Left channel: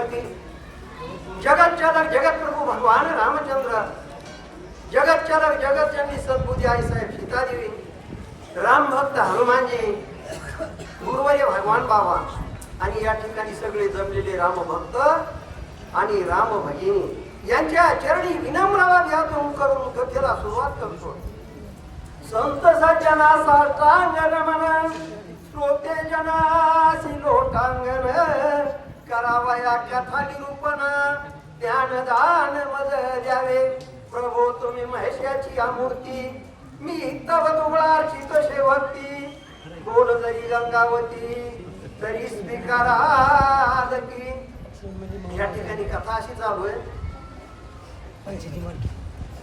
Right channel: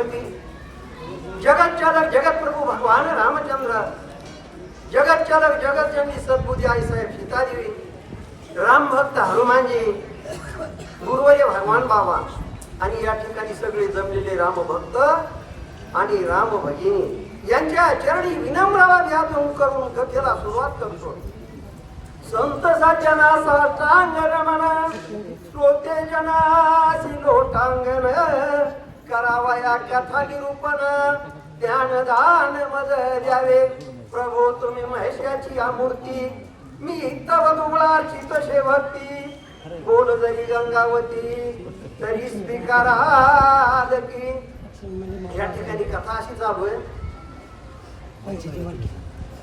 पती जगत चालक जगत प्रभू भगवान रामचंद्र, जगत चालक जगत जननी सद्बुद्धी आई साहेब सीतादेवी, राम भक्त हनुमानजी, गुरुवर्य भगवान बाबा आणि या ठिकाणी सगळे जमलेले राम भक्त आणि राम भगिनी यांच्या चरणी विनम्र हातून करून कथेला सुरुवात करतो. संत सज्जना साष्टांगन मन श्रोते जनासी लोटांगण करावया कथा निरूपण ध्यानदान मज द्यावे. प्रभो तुम्ही महेशाची आमूर्ती मी तव दुबळाची तसे भक्ती बोल जरी गंगावती तरी स्वीकाराद की. या ठिकाणी कथा अशी चालू आहे.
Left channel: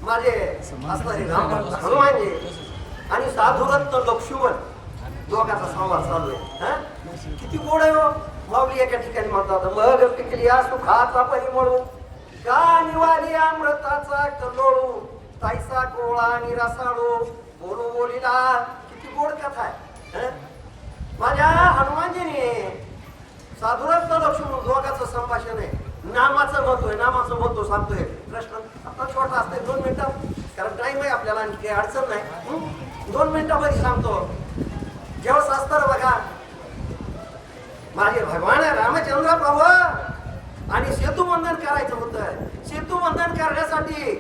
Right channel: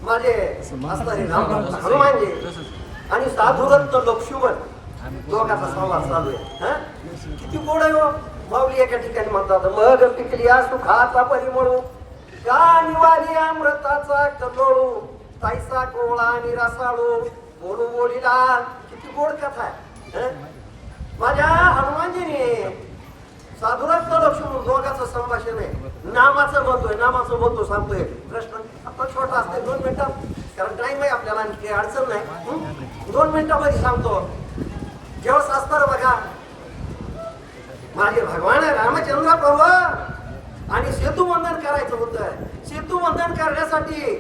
माझे असणारे रामभक्त हनुमानजी आणि साधुरत्न लक्ष्मण दोघांचा संवाद चालू आहे. किती गोड आहे हो. माऊली एका ठिकाणी म्हणतात मग पिकली सुखाचा परिमळू का निवाली अमृताचा कलोळू ताईसा कोळा आणि रसाळू बोलू बोलीला. किती गोड कथा आहे. माझ्या हनुमानजीने साधुरत्न लक्ष्मण दोघांचं संभाषण आहे. नामाचं महत्व आहे. नामाचं महत्व सांगतोय. प्रश्न आता छोटा असतंय 2 मिनिटं कारण टाइम आहे आपल्याला आणखी काही अडचण नाही. 2 मिनिटांमध्ये सांगतो. जेव्हा शास्त्र बघा माझे भगवान रामचंद्र प्रभू आणि सेतुबंधन करायचं होतं. सेतुबंधन करण्यासाठी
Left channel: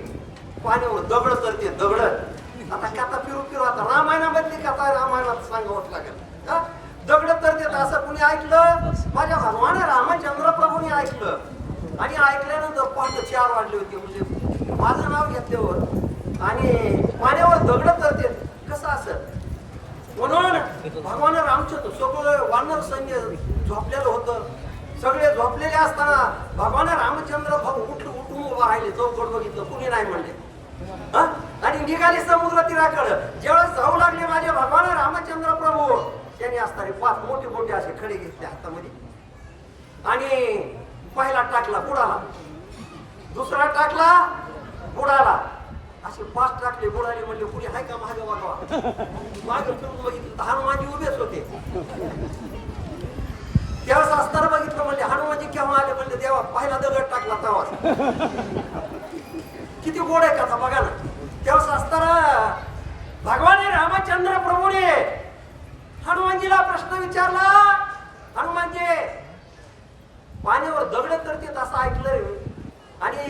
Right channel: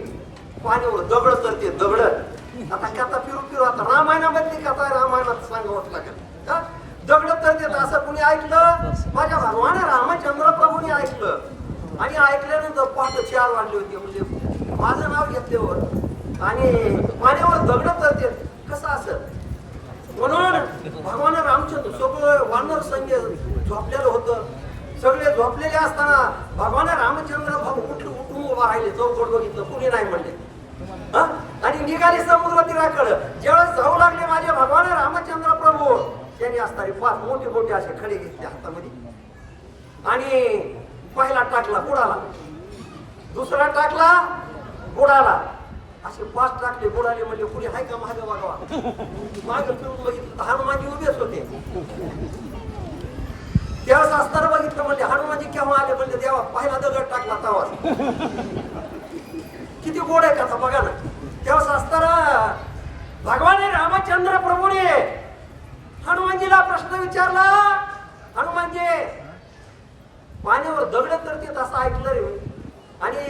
पाण्यावर दगड करते दगड. आता कथा फिरू आता रामायणामधली कथा रामायणात सांगावंच लागेल. दगड तर देत असं कुणी ऐकलं. माझ्या भगवान रामचंद्र प्रभूने ऐकलं आणि ऐकल्यानंतर 4 वाजले होते. म्हणजे माझं नाव घेतल्यावर आणि पाण्यावर दगड तर देत कसं असत. म्हणून भगवान रामचंद्र सगळं वानर सैन्य झोपलेलं होतं. सगळे झोपलेले असताना भगवान रामचंद्र उठून उभा राहिले. चौकट बघितलं कुणी नाही म्हणले आणि निघाले समुद्र तीराकडे. ज्यावेळेस जाऊ लागले माझे भगवान रामचंद्र प्रभू त्यांनी असणारे 5 मोठे मोठे असे खडे घेतले हातामध्ये आणि पहिला टाकला बुडाला, दुसरा टाकला बुडाला, असे 5 टाकले बुडाले. म्हणले कुणी हाय का मागे बघा. मागे फिरून बघितलं हनुमानजी उभेच होते. तेव्हा असताना बघितलं म्हणले हनुमानजी केव्हा आले. म्हणले देवा पहिला दगड टाकला तवाच. किती गोड आहे कथा बघा ना. तेव्हा असताना भगवान रामचंद्र प्रभूने हनुमानजीला प्रश्न विचारला. हनुमानजी पाण्यावर दगड तरतेत असं ऐकलं रे आणि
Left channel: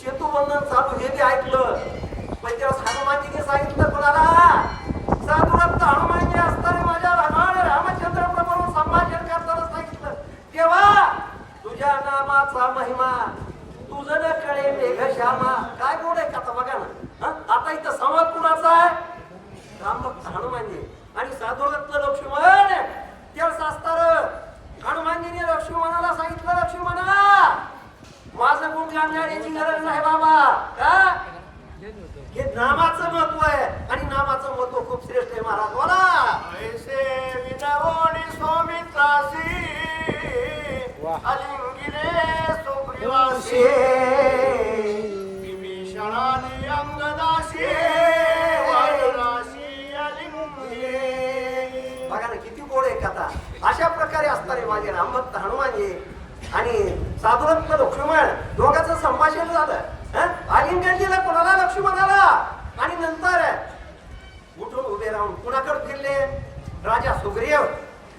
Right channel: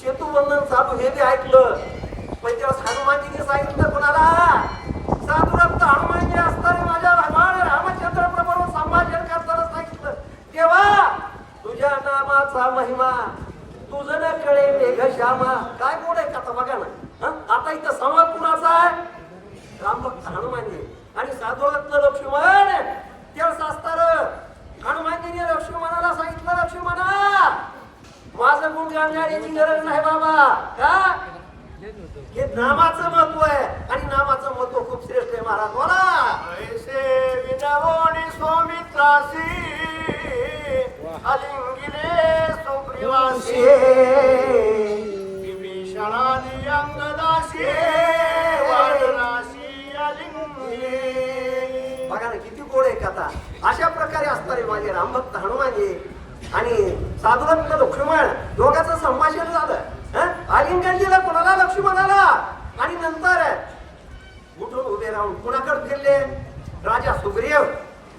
सेतुबंधन चालू हे बी ऐकलं. पण तेव्हा हनुमानजीने सांगितलं कोणाला. साधुरत्न हनुमानजी असताना माझ्या भगवान रामचंद्र प्रभू संभाषण करताना सांगितलं तेव्हा तुझ्या नामाचा महिमा तुझं न कळे मेघश्यामा. काय गोड आहे कथा बघा ना. आता इथं संवाद कुणाचा आहे. रामभक्त हनुमानजी आणि साधुरत्न लक्ष्मण. तेव्हा असताना हनुमानजीने लक्ष्मणाला सांगितलं लक्ष्मणा माझं गुण गाण्याची गरज नाही बाबा. का हे नामाचं महत्व आहे आणि नामाचं महत्व खूप श्रेष्ठ आहे. महाराज बोला. ऐसे विनवणी स्वामित्रासी अलिंगिले सुग्रीवासी विभीषणादी अंगदासी वानरासी अलिंगिले. बघा ना किती गोड आहे कथा. अशा प्रकारे असणारे माझे रामभक्त हनुमानजी आणि साधुरत्न लक्ष्मण दोघांचं संभाषण झालं. आलिंगन दिलं कोणाला लक्ष्मणाला आणि नंतर उठून उभे राहून कुणाकडे फिरले. राजा सुग्रीव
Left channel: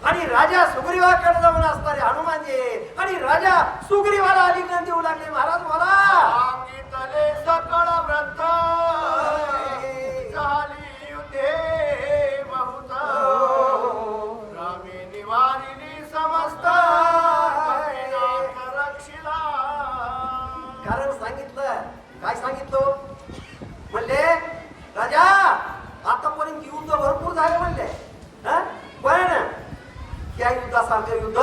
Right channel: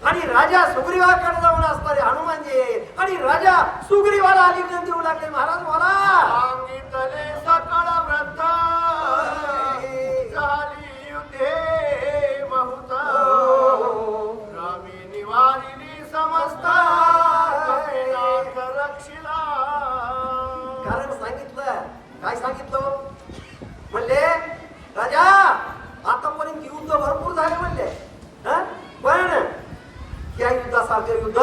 आणि राजा सुग्रीवाकडे जाऊन असणारे हनुमानजी आणि राजा सुग्रीवाला आलिंगन देऊ लागले. महाराज बोला. सांगितले सकळ व्रत झाली युद्धे बहुत रामी निवारिली समस्त रक्षिला. कारण सांगितलं काय सांगितलं म्हणले राजा आतापर्यंत युद्ध भरपूर झाले म्हणले. पण या युद्धासारखं युद्ध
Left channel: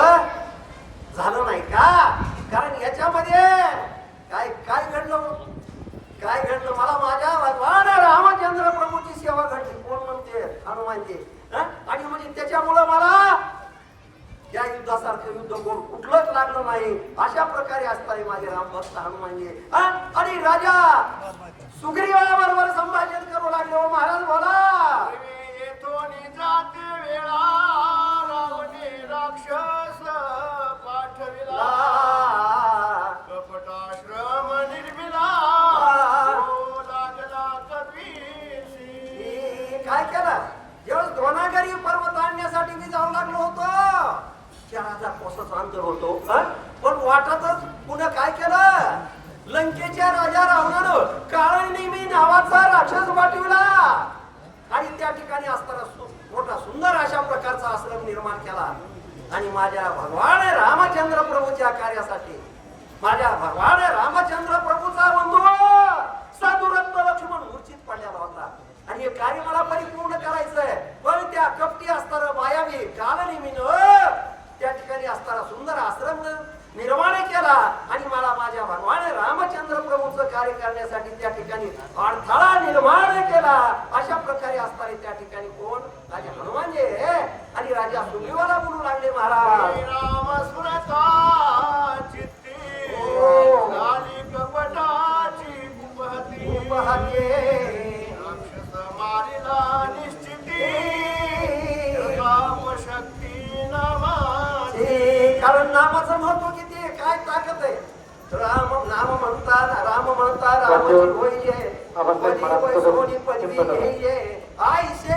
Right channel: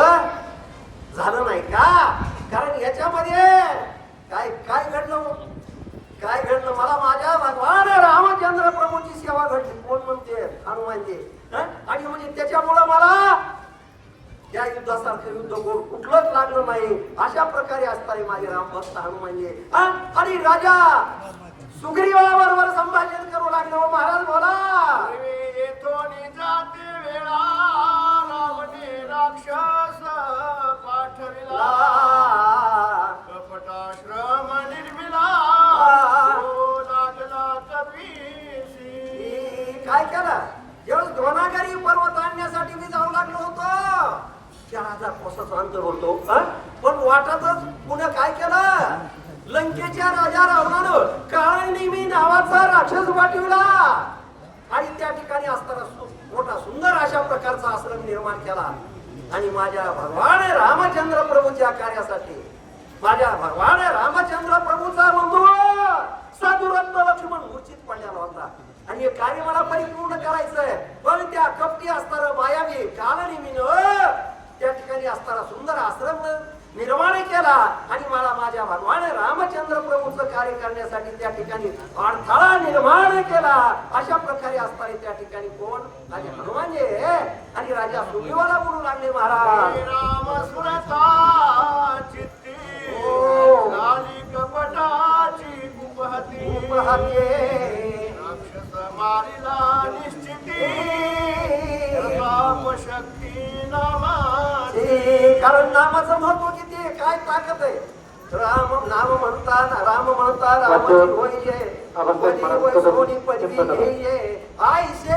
झालं नाही का. कारण याच्यामध्ये काय काय घडलं काय घडलं. मला माझ्या भगवान रामचंद्र प्रभूची सेवा घडली. कोण म्हणते हनुमानजी. आणि म्हणजे त्याच्यामुळं मला या युद्धासारखं युद्ध कुठलंच लागलं नाही. अशा प्रकारे असणारे माझे रामभक्त हनुमानजी आणि राजा सुग्रीवाबरोबर संभाषण करू लागले. महाराज बोला. येथून जाते वेळा रावणे राक्षस पाठविला चार कोसाचा अंतर होतो हा? पण वाटातच पुन्हा काय केलं, लंकेच्या राजा रावणानं काळनेमी नावाचा राक्षस पाठवला आणि त्या ठिकाणी असताना मोठा सुंदर अशा प्रकारचा आश्रम निर्माण केला. आणि माझ्या भगवान रामचंद्र प्रभूच्या कार्यासाठी माझ्या भगवान रामचंद्र प्रभूचा बंधू साधुरत्न लक्ष्मण मूर्छित पडलेला होता आणि हे कार्य मला परिपूर्ण करायचंय. पण त्या कपटी असताना मायावी कालनिमीनं त्या ठिकाणी असताना सुंदर आश्रम निर्माण केला आणि मला माझ्या भगवान रामचंद्र प्रभूचं कार्य करण्यासाठी त्या ठिकाणी अडथळा निर्माण केला. अशा प्रकारे असताना त्या ठिकाणी कोण माझे हनुमान आणि राजा सुग्रीवाला बोलू लागले, महाराज राम सुरता चित्ती झाली कपटाची कुपहती राक्षस मारिला निश्चिती राम शक्ती नामाची. कारण नामाचं महत्व किती आहे, काय ताकद आहे. राम नाम म्हणतात, राम म्हणतात, रामाची होय आहे, पदी होय सोनी पदवी हे आईशे